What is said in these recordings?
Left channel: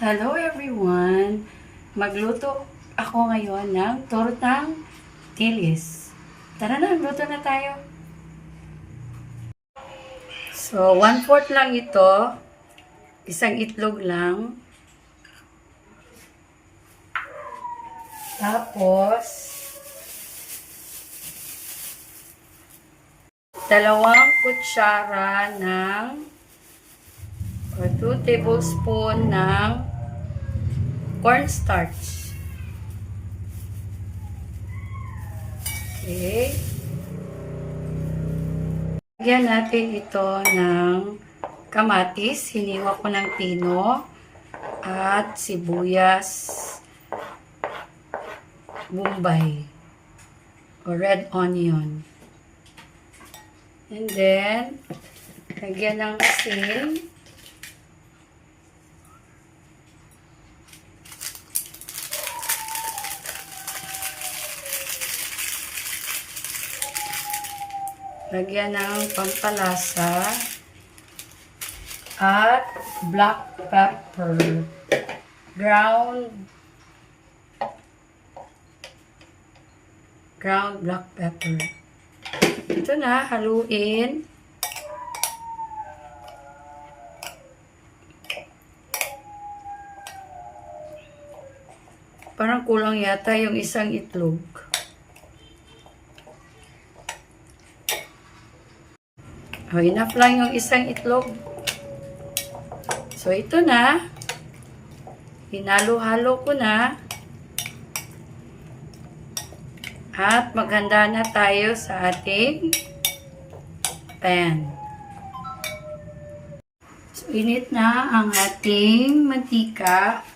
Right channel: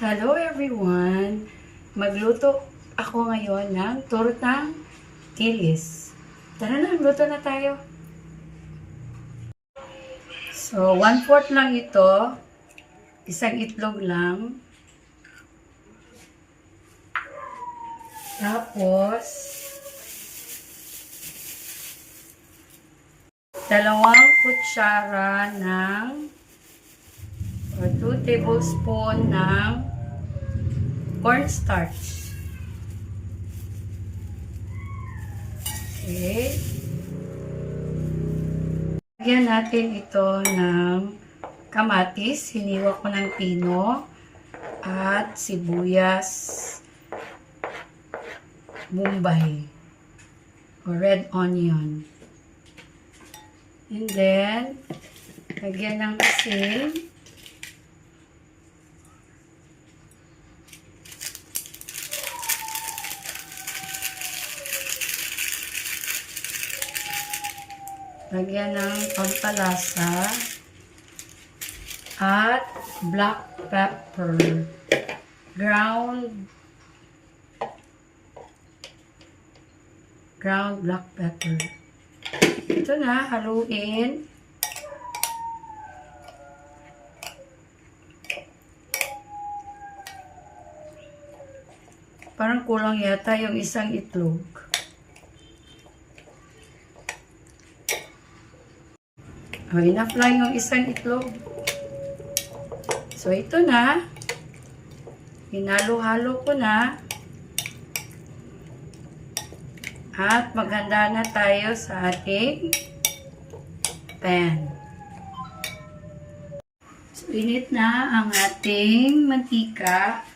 Hello everyone! Magluto ako ngayon ng tortang tilis. Tara na, luto na tayo. So, 1/4 lang ito. Isang itlog lang. Tapos, 2 kutsara ng or 2 tablespoon ng cornstarch. Okay. Lagyan natin ito ng kamatis. Hiniwa ko ng pino at sibuyas Bombay or red onion. And then, lagyan ng asin. Lagyan ng pampalasa at black pepper, ground black pepper. Ito na, haluin. Parang kulang yata yung isang itlog. Enough lang yung isang itlog. So, ito na. Hinalo-halo ko na. At maghanda na tayo sa ating pan. So, init na ang ating mantika.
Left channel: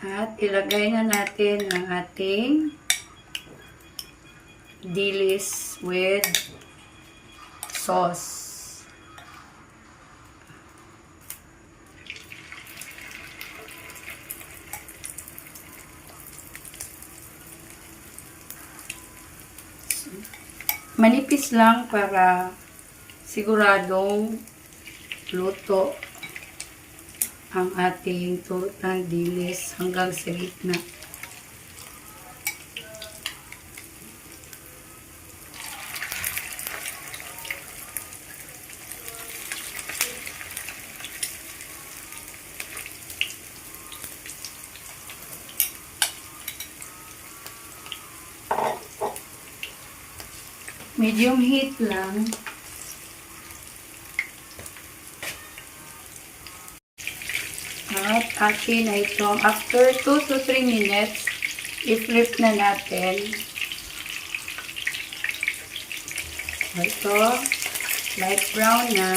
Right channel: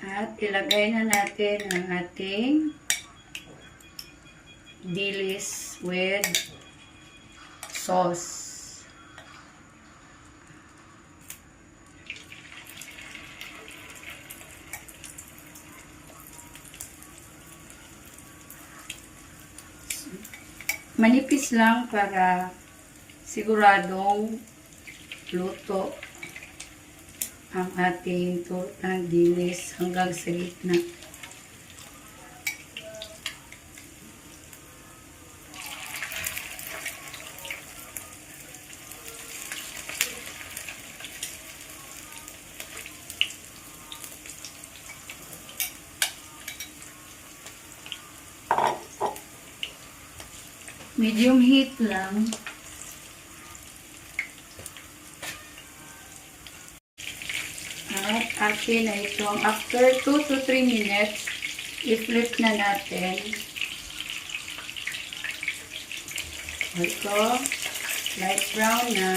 At ilagay na natin ang ating dilis with sauce. Manipis lang para siguradong luto ang ating tortang dilis hanggang sa gitna. Medium heat lang. At akin na itong after 2 to 3 minutes, i-flip na natin. Ito, light brown na.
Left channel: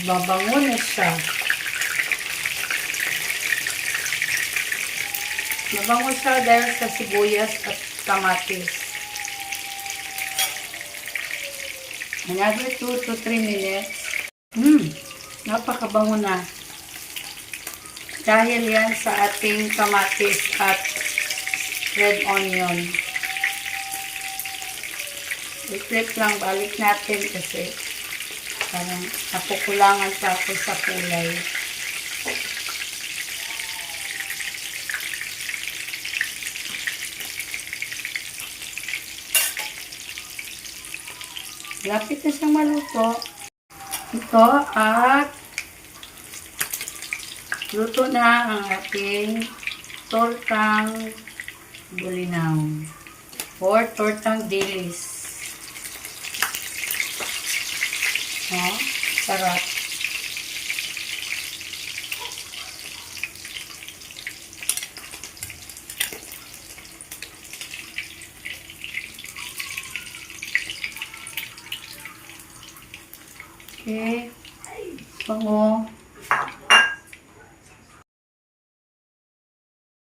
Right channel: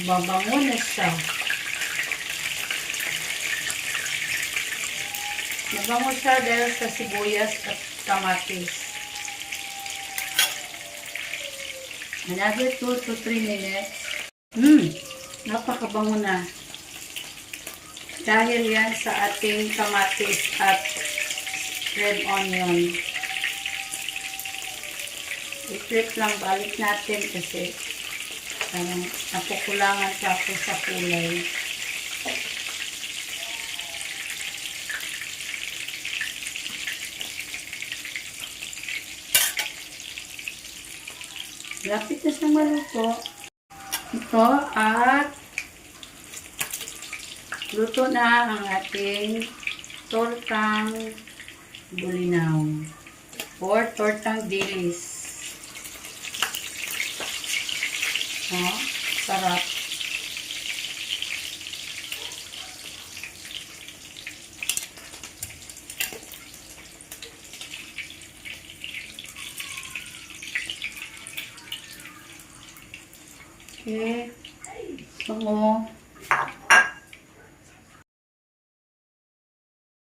Babango na siya. Mabango siya dahil sa sibuyas at kamatis. Another 2 to 3 minutes. Napakabango na. Dahil yan sa ating kamatis at red onion. I-flip lang, balik natin kasi napukulangan pa ako sa kulay. Lapit na siyang maluto. Ito at luto na ang ating tortang bulinaw or tortang dilis. Oh, sarap. Okay. So,